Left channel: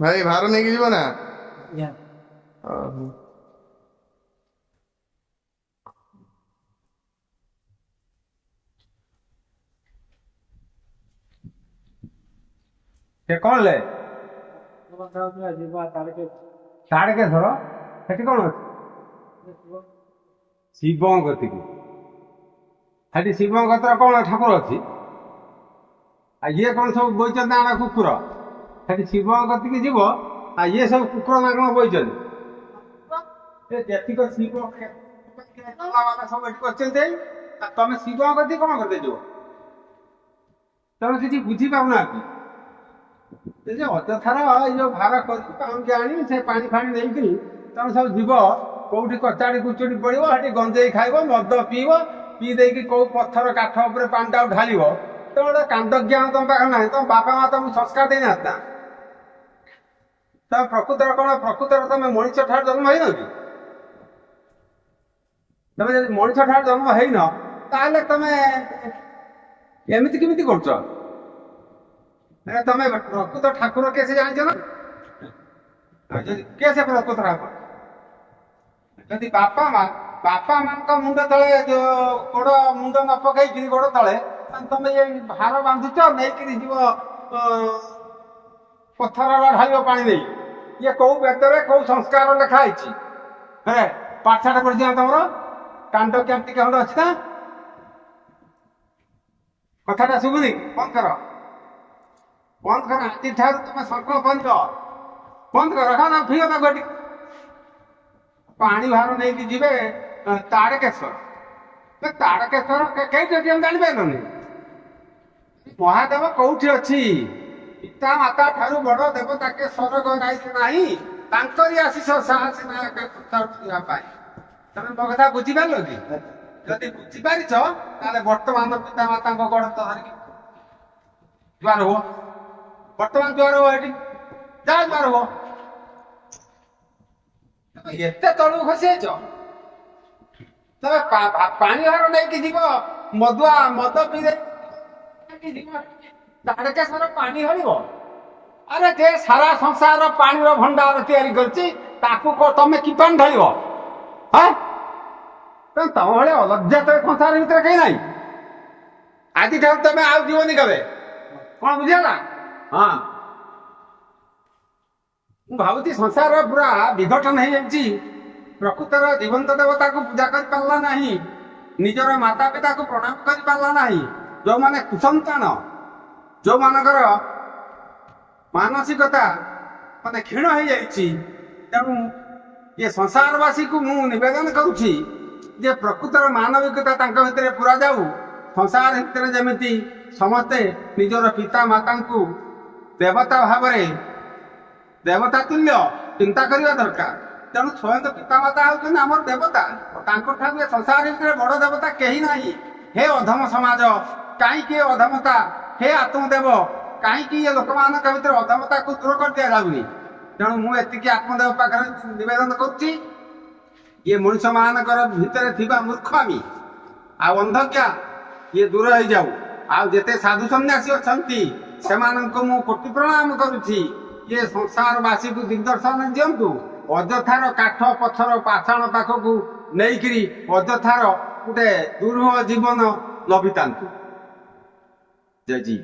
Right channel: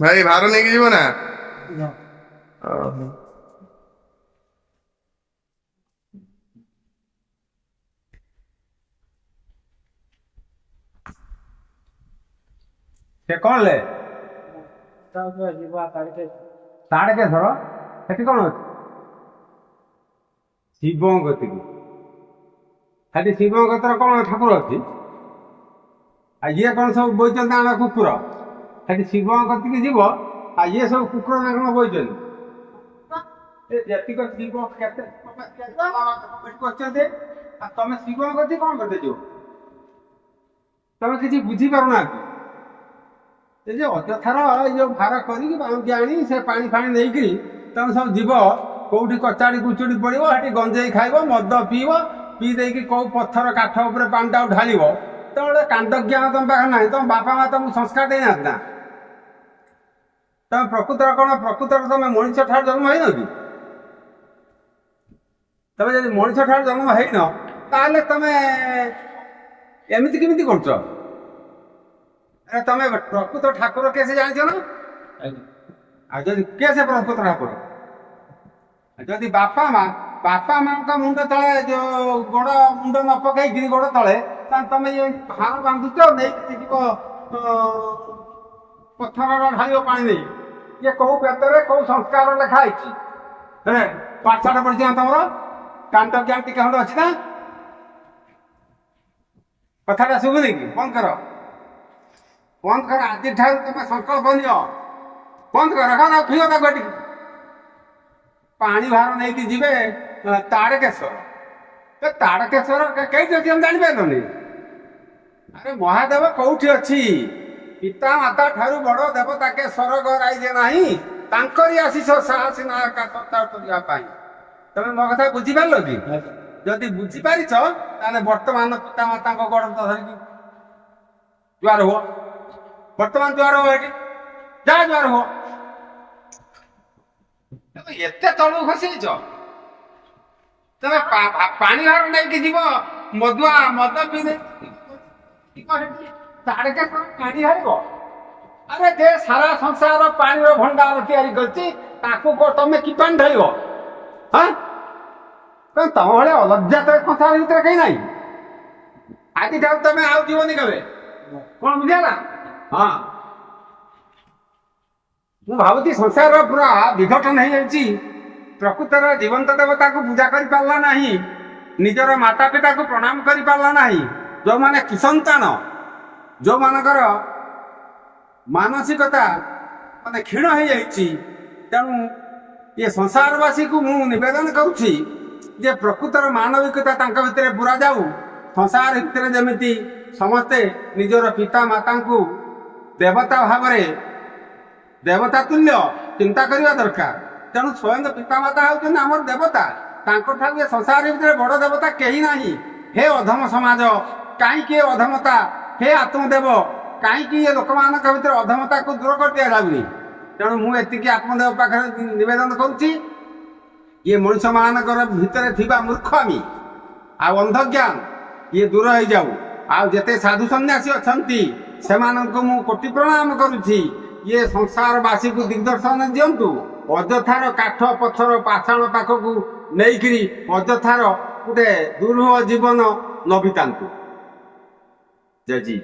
ଭାଇ ଭାର ନେଇକି ଯିବ ନା? ସେ କଣ ଲେ ତାଡକେଶ୍ୱର ସେଠି କଣ ଅଛି? ଶିବଙ୍କ କତିକି। ସେଠି ଶିବଙ୍କ କତିରେ କଣ ଠାକୁର ଅଛି? ଆଉ ଇଏ କଣ ସବୁ ବଇଛନ୍ତି ଆଣ କୁକୁର? ସେଠି ଶିବଙ୍କ କତିକି ଯିବ, ଆଉ ଇଏ ସବୁ କୁକୁର ନା କଣ ବଇଛନ୍ତି? ଏ ଯେତିକ ଶିବ କେତେ ସବୁ ଏଠି କରିଛନ୍ତି, ଆଉ ତମେ ଶିବଙ୍କ କତିକି କଣ କରତେ ଯିବ? ତମେ କିଛି ବୁଝିପାରୁନା କି? ଏ ଯେ ଅଯଥାର ଏଇ ଯୋଉ ଭାର କରିକି ବାଉଁକି ଆଣି ସେ ପାଣି ଫାଣି ନେଇକିରି ତମେ ସବୁ ଯିବ, କୋଉଠି କଚାଡ଼ି କୁଚୁଡ଼ି ପଡ଼ିବ, ସେଠି ଗଞ୍ଜେଇ ଖାଇବ, ମଦ ପିଇବ, ପିଇ ଦେଇକି କୋଉ ପଥର କାଠ ଉପରେ ପାଣିଟାକୁ ଢାଳିବ। ତମ ଗୋଟେ କାଣ୍ଡ ଜ୍ଞାନ ତମ ପାଖରେ ନାହିଁ। ତମ ବାପା ମା ତମକୁ ସଂସ୍କାର ଦେଇନାହାନ୍ତି ନା? ତମେ ପ୍ରକୃତରେ କଣ? ପ୍ରକୃତରେ ତମେ ମଣିଷ ଠାରୁ ଜନ୍ମ ହେଇନ କି? ତମେ ଯଦି ମଣିଷ ଠାରୁ ଜନ୍ମ ହେଇନ, ତାହେଲେ ତମେ ଏମିତି କେମିତି କରୁଛ? ତମେ ପ୍ରକୃତ ଠାକୁର କିଏ ସେ ଜାଣିଛ ନା? ଆଉ ଯଦି କିଏ ସେ ପ୍ରକୃତ ଠାକୁର? ଯଦି ବାପା ମାଙ୍କ ମୁଣ୍ଡ ତଳେ ଯୋଉ ଗୋଡ ମୁଣ୍ଡ ନ ପକେଇକିରି ଗୋଡ ତଳେ, ତାହେଲେ ତମେ ଏଇ ଭାର ବାନ୍ଧୁଛ, ନେଇକିରି ଯିବ ପଥର ଢାଳିବ ପାଣି ନେଇ। ଇଏ କୋଉ ବେଦରେ କୋଉ ସଂସ୍କାର ଲେଖା ହେଇଛି? ପାଠଶାଠ ପଢିଛି ନା ତମର? କାଣ୍ଡ ଜ୍ଞାନ ଟିକେ ଖଣ୍ଡେ ଅଛି ନା? କଥାଟା ଶୁଭୁନି କି? ବନ୍ଦ କର, ବନ୍ଦ କର। ଆଜିଠାରୁ ତମେ ସଂକଳ୍ପ ନିଅ, ବନ୍ଦ କର। ଫିଅ ତାକୁ ଏଠି ପାଣି ଭାର ନେଇକି ଯିବେ ତାଡକେଶ୍ୱର। ତାଡକେଶ୍ୱର କେଇଠି ଅଛି ଆମେ ଜାଣିପାରିଲନି? ଆରେ ମହାଦେବ କୋଉଠି ଅଛି? ପିତା ମାତା ଠାରୁ ବଡ ଦେବତା କେ ସ୍ୱର୍ଗ ରାଇଜେ ନାହିଁ, ତାଙ୍କରି ଆଶିଷ ସାହସୀ ନା ଆକାଶ କରିବା ପାଇଁ। ତମେ ମୋ କଥା ବୁଝିପାରିଲ କି? ଯଦି ବୁଝିପାରିଛ, ତାହେଲେ ବର୍ତ୍ତମାନ ପିତା ମାତାଙ୍କ ଗୋଡ ଧରିକି ଜୁହାର ହୁଅ। ବର୍ତ୍ତମାନ ଜୁହାର ହୁଅ, ଏଠି ଯା ଜୁହାର ହୁଅ। ଏତେ ତଳକୁ ଖସି ଯାଇଛ? ତମେ ପାଣି ଭାର ନେଇକି ଯିବ, ମଦ ପିଇ ଯିବ, ତାଡକେଶ୍ୱର ପାଣି ଢାଳିବ? ଆରେ ଯେ ସାରା ସଂସାର ପାଣିର ଭଣ୍ଡାର ତିଆରି କରିଛି, ତାକୁ ତମେ କି ପାଣି ଢାଳିବ? ତମ ଭଳିଆ ଅଲଜ୍ଜା ତ ସଂସାର ଭିତରେ କେହି ନାହିଁ। ଆଜିଠାରୁ ତମେ ଆଉ ଯିବନି କେବେ। କଣ ବୁଝିଲା? ହଁ, ମୁଁ ଭାବୁଛି ସଂସାର ପୁରା ବିଘଟନ ହେଇଯାଇଛି। ପ୍ରକୃତର ଜୀବନ୍ତ ଦେବତାକୁ ପୂଜା କରିପାରିଲା ନାହିଁ, ନିଜର ମାତା ପିତାକୁ ପ୍ରଣାମ କରିପାରିଲା ନାହିଁ। ଯୋଉମାନେ କୁସନ୍ତାନ, ଯୋଉମାନଙ୍କର ମାନସିକତା ମାନେ କ୍ଷୀଣ ହେଇଯାଇଛି, ତେଣୁ ଏ ସଂସାରବାସୀକୁ ମୁଁ ନିବେଦନ କରୁଛି ଯେ ପ୍ରକୃତର ମାନବିକତା ତାଙ୍କ ଭିତରେ ପୁରା ଯାଉ। ସଂସାର ଭିତରେ ଯେମିତି ସମସ୍ତେ ନିଜର ପିତା ମାତାଙ୍କୁ ଦେବତା ଭାବରେ, ଦେବତା ତୁଲ୍ୟ ଚିନ୍ତା କରିବା ଦରକାର। ତେଣୁ ସ୍ୱୟଂ ପିତାମାତା ହେଉଛନ୍ତି ଆମର ଦେବତା। ତାଙ୍କଠାରୁ ଏ ସଂସାର ଭିତରେ ବଡ ଦେବତା କେହି ନାହିଁ। ହେ ଅଧମ ସମାଜ, କାହିଁକି ଏ ଅଧମତା? ହେ ଆତ୍ମଦେବ, କାହିଁକି ଏ ଲୋକମାନଙ୍କ ଭିତରେ ଅଧମତାକୁ ଦୂର କରି ଦିଆଯାଉନି? ତେଣୁ ମୁଁ ଏତିକି ଆତ୍ମଦେବ ପାଖରେ ନିବେଦନ କରୁଛି, ଇଏ ମଣିଷ ମାନଙ୍କର ଭିତରେ ଥିବା ମୂର୍ଖାମି ଆଉ ଅନ୍ଧଜ୍ଞାନ ଇଏ ଦୂର ହେଇଯାଉ। ଆଉ ଯେତେ ସାଧୁ ସନ୍ନ୍ୟାସୀ ଅଛନ୍ତି ସେମାନଙ୍କୁ ମୁଁ କୋଟି ପ୍ରଣାମ କରୁଛି। ଇଏ ସଂସାରବାସୀକୁ ଦିଗ୍ଦର୍ଶନ ଦିଅନ୍ତୁ। ଅଯଥାର କାଠ ପଥର ପାଷାଣ ପାଖକୁ ନେଇକିରି ଅଯଥାର ଗୋଟେ ଦୁରୂହ ଜୀବନ ନ ବିତାନ୍ତୁ। ଜୟ ଜୀ।